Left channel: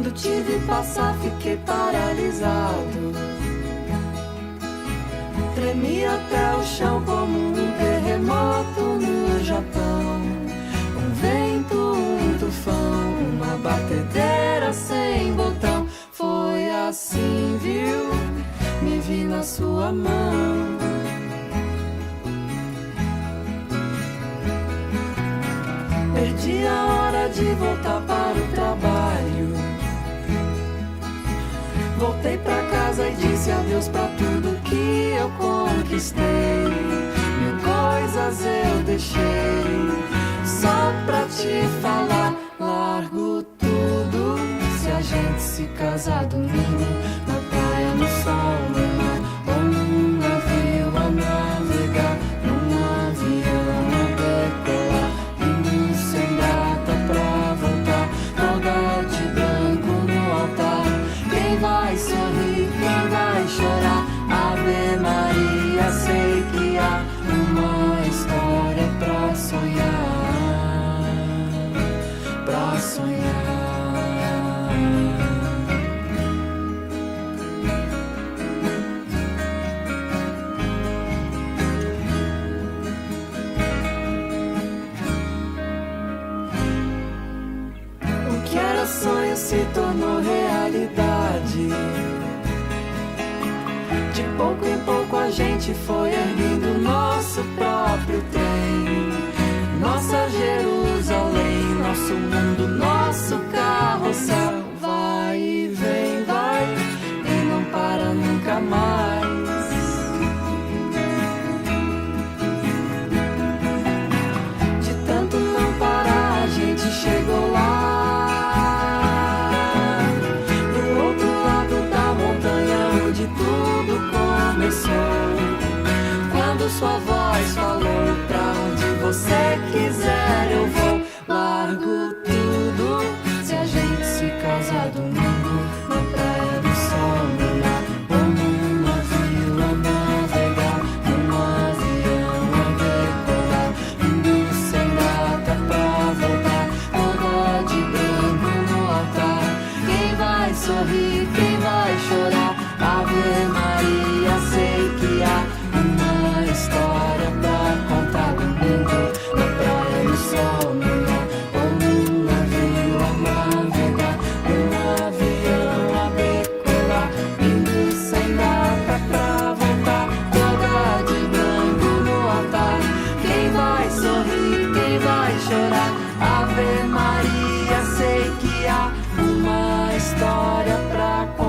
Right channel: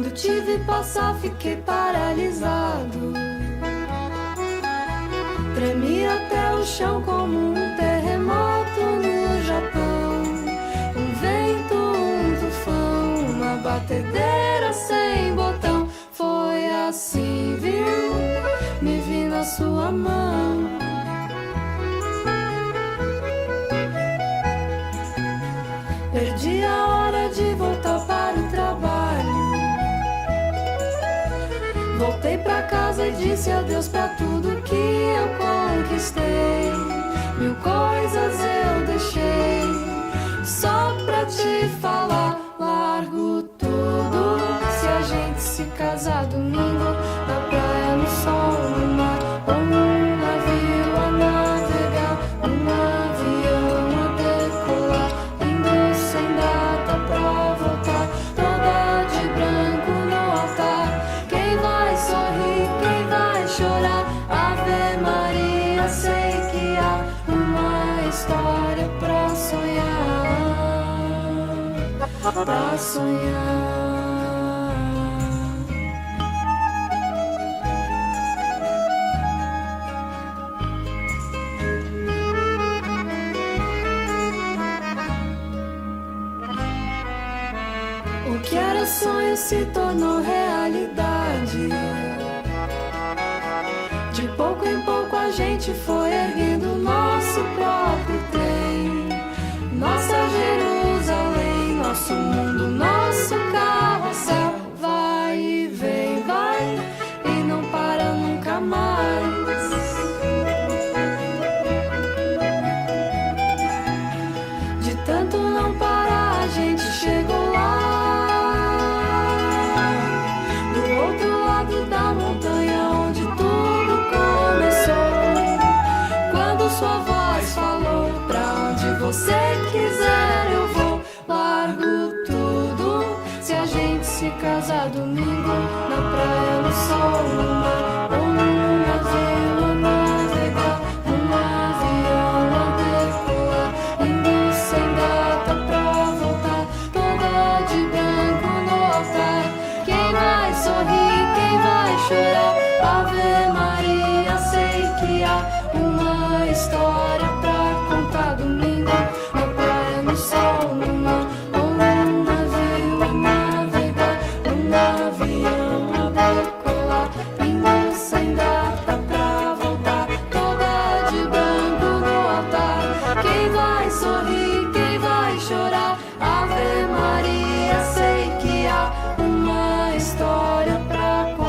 Quando te vi passar, fiquei paralisado. Tremi até o chão como um terremoto no Japão. Um vento, um tufão, uma batedeira sem botão. Foi assim, viu? Me vi na sua mão. Perdi a hora de voltar para o trabalho. Voltei pra casa e disse adeus pra tudo que eu conquistei. Mil coisas eu deixei só pra te falar. Largo tudo se a gente se casar domingo. Na praia, no sol, no mar, ou num navio a navegar, num avião a decolar, indo sem data pra voltar, toda de branco no altar. Quem vai sorrir, quem vai chorar? Ave Maria, sei que há uma história pra sonhar, pra sonhar. O que era sonho se tornou realidade. De pouco em pouco a gente foi erguendo nosso próprio trem. Nossa Jerusalém, nosso mundo, nosso carrossel. Vai e vem, vai e não para nunca mais. De tanto não parar, a gente chegou lá. Do outro lado da montanha onde tudo começou. Quando sua voz falou, pra onde você quiser eu vou. Largo tudo se a gente se casar domingo. Na praia, no sol, no mar, ou num navio a navegar, num avião a decolar, indo sem data pra voltar, toda de branco no altar. Quem vai sorrir, quem vai chorar? Ave Maria, sei que há uma história pra contar domingo. Na praia, no sol, no mar, ou num navio a navegar, num avião a decolar, indo sem data pra voltar, toda de branco no altar. Quem vai sorrir, quem vai chorar? Ave Maria, sei que há uma história pra contar.